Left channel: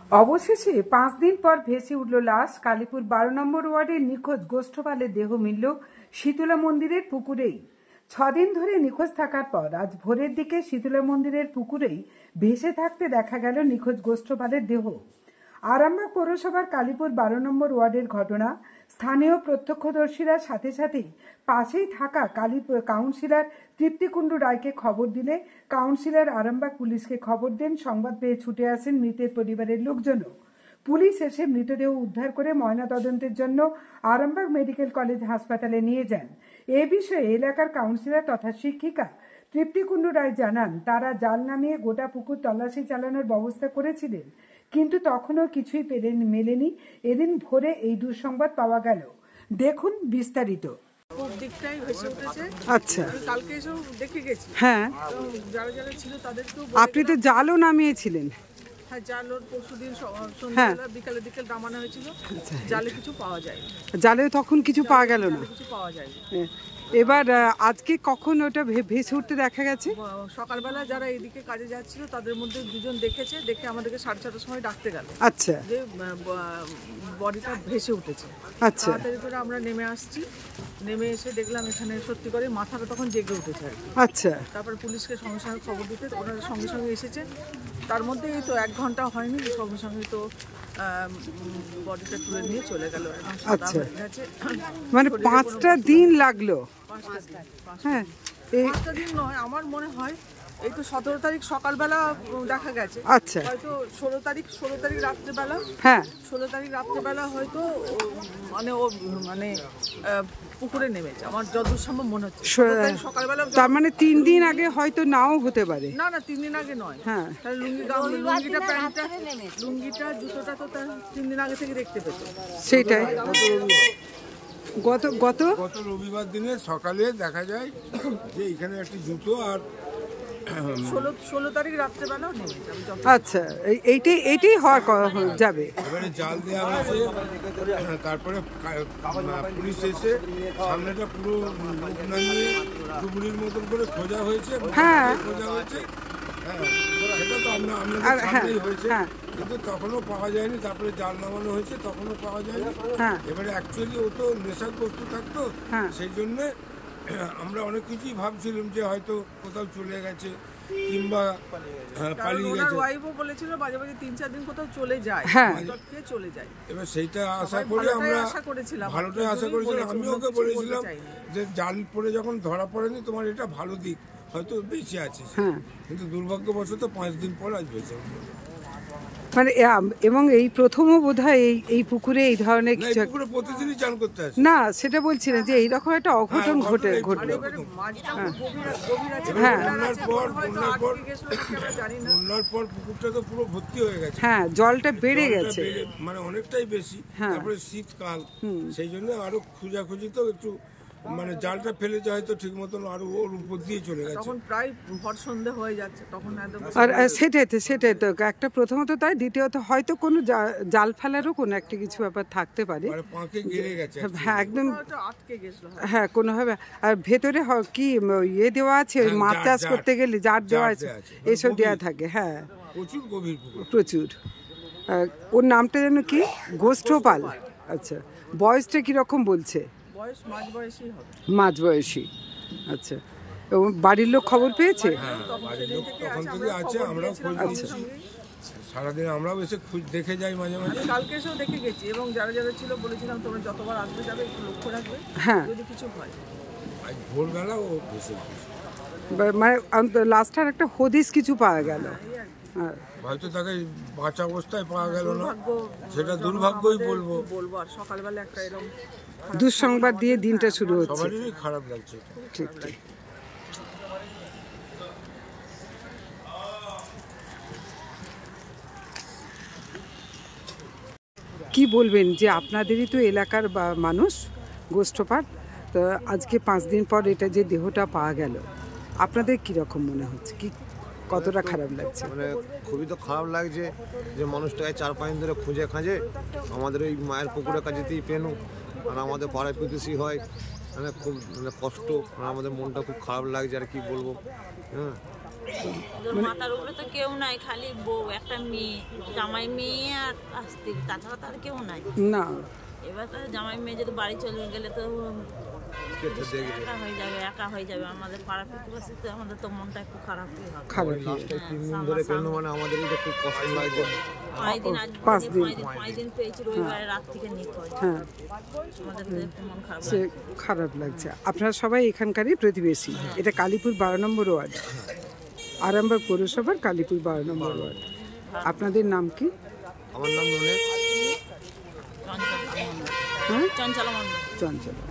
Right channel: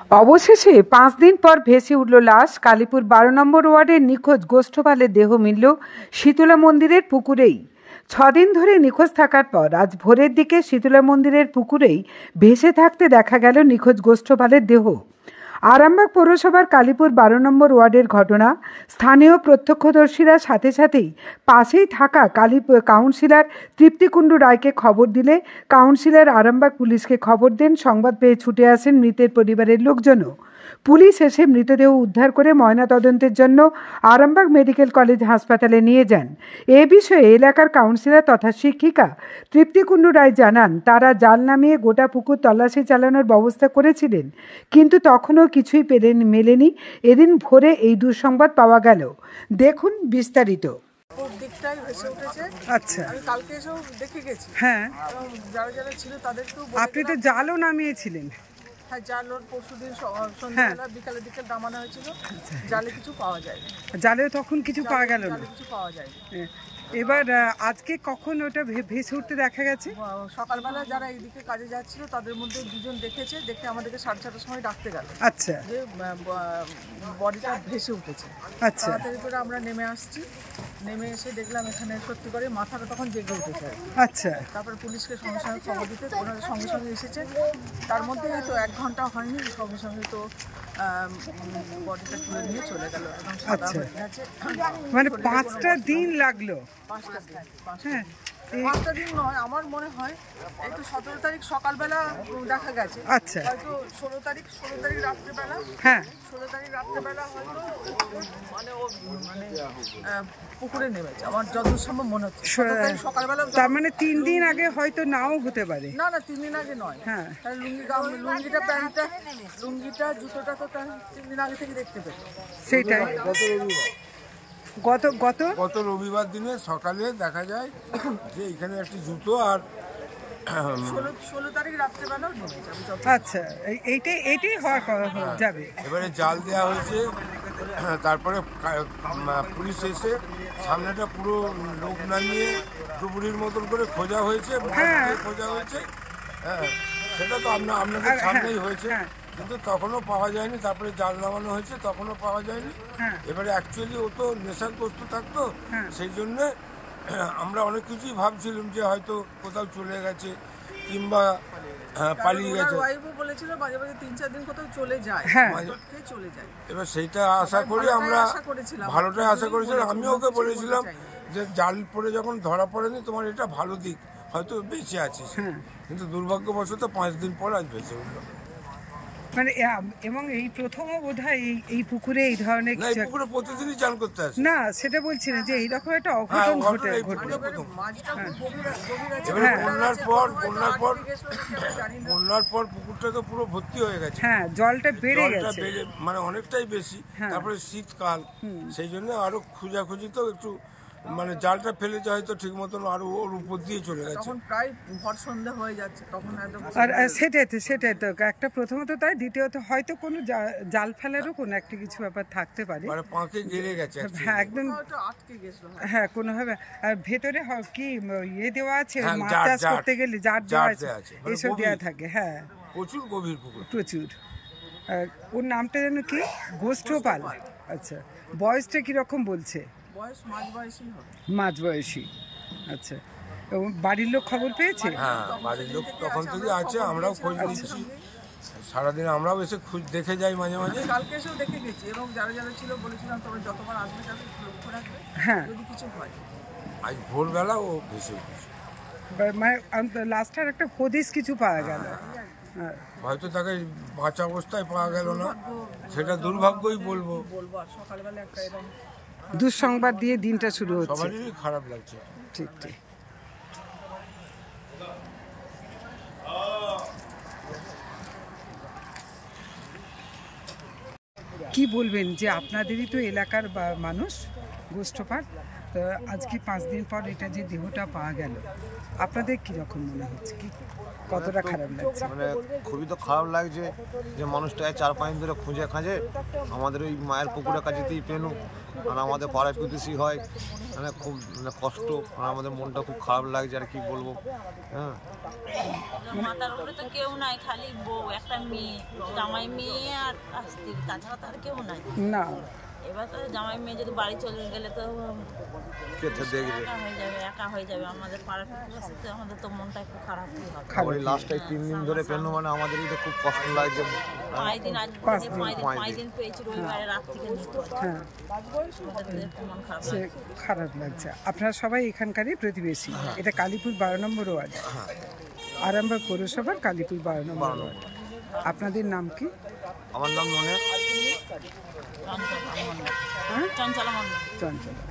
অবশেষে 5 দিন পর ভেসে উঠল লাশ। কালীপুর 12 নম্বর ওয়ার্ডের নিখোঁজ গোষ্ঠপালের দেহ মিলল শীতলা মন্দিরের পুকুরেই। 6 দিন ধরে নিখোঁজ থাকার পর আজ ভোরের দিকে শীতলা মন্দিরের পুকুরেই ভেসে থাকতে দেখা গেল নিখোঁজ গোষ্ঠপালের দেহ। আরামবাগ পৌরসভার কালীপুর 12 নম্বর ওয়ার্ডের ঘটনা। স্থানীয় প্রত্যক্ষদর্শীরা সাথে সাথেই পাশেই থাকা কাউন্সিলর তৃপ্তি কুণ্ডু রায়কে খবর দিলে কাউন্সিলর আরামবাগ পুলিশকে খবর দেন। সংবাদ পেয়ে ছুটে আসেন মৃতের পরিবারের লোকজনও। পুলিশ এসে মৃতদেহ উদ্ধার করে ময়নাতদন্তের জন্য আরামবাগ মেডিকেল কলেজ হাসপাতালে নিয়ে যান। এ বিষয়ে এলাকার কাউন্সিলর তথা শিক্ষিকা তৃপ্তি কুণ্ডু রায় জানান, তারা জাল নামিয়ে গোটা পুকুর তল্লাশি চালানোর ব্যবস্থা করেছিলেন, কিন্তু তখনও কিছুই মেলেনি। এদিন ভোরে এই দুঃসংবাদ পাওয়া গেল। দেখুন বিস্তারিত। দিকটাই ভেসে উঠেছে। আচ্ছা, আমি কালকে এসেও দেখে গেছি। হ্যাঁ, যারা যারা ছিল তাদেরকেও আপনি তো জালও নামিয়েছিলেন। হ্যাঁ, জাল পরশুদিন সন্ধ্যাবেলা বিকালের দিকে নামানো হয়েছিল। জালে কিছু পাওয়া যায়নি। জালে তখন কিছু পাওয়া গেল না। কিছু পাওয়া যায়নি। এবার আজকে কখন ওটা ভেসে উঠতে দেখা গেছে? সকালবেলা যারা এইদিকে কাজে যাচ্ছিল তাদের মধ্যে দুজন দেখেছে, দেখে আমাদেরকে 6:30টার সময় ডাকতে গেল। আচ্ছা, যে বডিটা ভেসে উঠেছে। আচ্ছা, তাড়াতাড়ি করে আমরা নেমে আসছি। নেমে এসে দেখলাম এখানে সত্যি করে মাথাটা তখন জেগে উঠেছে। আচ্ছা, তারপর পুলিশকে সঙ্গে সঙ্গে খবর দিতে ওনারা সঙ্গে সঙ্গে এসেছে। তার মধ্যে তো 1 ঘন্টা হয়নি, সঙ্গে সঙ্গে তো বডিটা তুলে নিয়ে চলে গেল। আচ্ছা, মানে 5টা দিন লাগলো। 5টা দিন। হ্যাঁ, 5টা দিন নয়, আমার মনে হয় এই তো 17 তারিখ সকালবেলা দেখা গেছে। আচ্ছা, হয়তো 16 তারিখ রাত্রেবেলা। হ্যাঁ, 16 তারিখ রাত্রেবেলা হয়তো মানে ও মানে পুকুরে নেমেছে, আমার যতদূর সম্ভব মনে হচ্ছে। সকালবেলা, তার মানে 3 দিন আগে হয়তো নাও হতে পারে। না, 3 দিন আগে নয়। হ্যাঁ, লুঙ্গিটা প্যান্টটা লুঙ্গিটা জুতোটা তো তার 3 দিন আগে থেকে দেখতে পেত। সেটাই গত রবিবার দিনে সকালে দেখা যায় যে এখানে একটি জুতো আর 16 তারিখ রাত্রেবেলা। আচ্ছা, এইটাই হওয়ার যাবে। এবারে জাল দেওয়া হয়েছে। তারপরে পুলিশ এসে সামনেটা পুরো লোক নামিয়ে ডুবুরির মতন করে খোঁজা হয়েছে। খোঁজা হয়েছে, হ্যাঁ, সেটা তো আপনাদের সামনেই হয়েছে, কিন্তু তখনও পাওয়া যায়নি। তারপরে জাল নামানো হয়েছে, তখনও পাওয়া যায়নি। এবারে অ্যাকচুয়ালি ও তো নেশাগ্রস্ত থাকতো, সেই জন্যে আমরা অনেক কিছুই ভাবছিলাম যে হয়তো কোথাও চলে গেছে কিংবা পালিয়ে গেছে। বলেছিল মাঝে মাঝে 3-4 দিন কোথাও চলে যায়। এবার সেইটা আশা করি আমরা ভালোটাই আশা করেছিলাম। আমি ওকে বলেছিলাম যে জাল পরে যখন ধরা পড়েনি, তোমার এটা ভালো দিক, হয়তো বেঁচে আছিস। কিন্তু দুর্ভাগ্যবশত 5 দিন পর আজ ভেসে উঠলো। মানে এবং এই প্রথমও বোধহয় এই পুকুরে এই ধরনের কিছু। পুকুরে প্রতিদিনই চান করতে আসে না, সেটা বলছি না যে এইরকম একটা অঘটন ঘটলো। বন্যার পর পুকুরটা তো পুরো ভর্তি হয়ে গেছে। হ্যাঁ, জলটা বেড়ে গেছে, মানে অনেকটাই বেশি। তারপরে শীতকাল, সেই জন্য আরো খুঁজাখুঁজি তো একটু মানে জালটা ফেলেছে হয়তো ঠিক মতন, আরো ওর উপর দিয়ে চলে গেছে। তখন প্রায় ভর সন্ধ্যা হয়ে যাচ্ছে তখন একদম। আর সেটাই তো একটা, প্রথমত তাই, দ্বিতীয়ত হয়তো কোনো জাল ফেলারও কোনো একটা কিছু ব্যাপার থাকতে পারে। পাঁকে গেড়ে গেছে, হ্যাঁ, একদম আটকে গেছিল। হ্যাঁ, কোনোভাবে। আর ভেতরে কি ইয়ে দেওয়া আছে, মাছ চাষ করতে গেলে জার দেওয়া আছে, এসব দেওয়া থাকে। হ্যাঁ, প্রচুর গভীর পুকুর, প্রচুর। ওর নামটা যেন কি? গোষ্ঠপাল। আচ্ছা, বয়সটা কিরকম বলছে? বয়স মাঝবয়সী হবে। মাঝবয়সী, আচ্ছা। বাড়ির লোক খবর পেয়েছে? হ্যাঁ, বাড়ির লোক তখন থেকে আছে, আমরাও খোঁজ নিচ্ছি সারাদিন। আমরাও এসে দেখে যাই মাঝে মাঝে। কালকে এসেও দেখে গেছি এবং যারা যারা ছিল বলেছিলাম তোমরা যতবার আসবে যাবে একটু লক্ষ্য রাখবে, যদি কিছু হয়। আজ ভোরবেলা ও ভেসে উঠেছে, মানে লাস্টার একটা হদিস কিছু পাওয়া গেল। হয়তো তাকে বাঁচা অবস্থায় পাওয়া গেল না, সেটা দুর্ভাগ্যই বলবো। আর সকালবেলা একটা এরকম দুঃসংবাদ দিয়ে দিনটা শুরু হচ্ছে। সবারই খারাপ লাগছে। ঠিক ঠিক। কি বলবেন যে আপনাদেরই তো এলাকার মানুষ গোষ্ঠপাল, তো আজকে 5 দিন পর এটা যে দেহটা পাওয়া গেল, আপনাদের কিরকম মনে হচ্ছে? কি কতটা খারাপ লাগছে? মানে খুবই তো খারাপ লাগছে যে মানুষটাকে 4-5 দিন ধরে খুঁজে খাঁজে আমাদের ওই মায়ের পুকুরের কাছেতেই পেনু, আর আমাদের পাড়ায় প্রতিবেশী হয়, মানে খুব কষ্ট, আর আমাদের মনটা খুব খারাপ লাগছে, আর কি বলবো। হ্যাঁ, মাথার উপরে তো কেউ নাই, খালি বউ, একটা মেয়ে, জামাই মেয়ে আর আসতে, তাছাড়া তো আর কেউ নাই না। এবার তো জামাই মেয়ে যদি বাড়ি চলে গেলে তো একা হয়ে যাবে আমাদের পাড়া প্রতিবেশী, তো আমাদের তো মনটা একটু খারাপই হবে। লাস্টে 3 দিন ধরে পেলো, মানে আমাদেরই তো খুব কষ্ট লাগছে। 5 দিন পেয়েছি, রবিবারে রাত থেকে নিখোঁজ। হ্যাঁ, আমাদের তো একটু মন খারাপ সে লাগছে। খারাপ লাগছে। আপনারা সবাই এখানকারই প্রতিবেশী। এটা কালীপুর 12 নম্বর ওয়ার্ড, আরামবাগ পৌরসভার কালীপুর 12 নম্বর ওয়ার্ড। আপনাদের নাম কি? আমার নাম ননে চঞ্চলা মণ্ডল। হ্যাঁ, চঞ্চলা মণ্ডল। চঞ্চলা।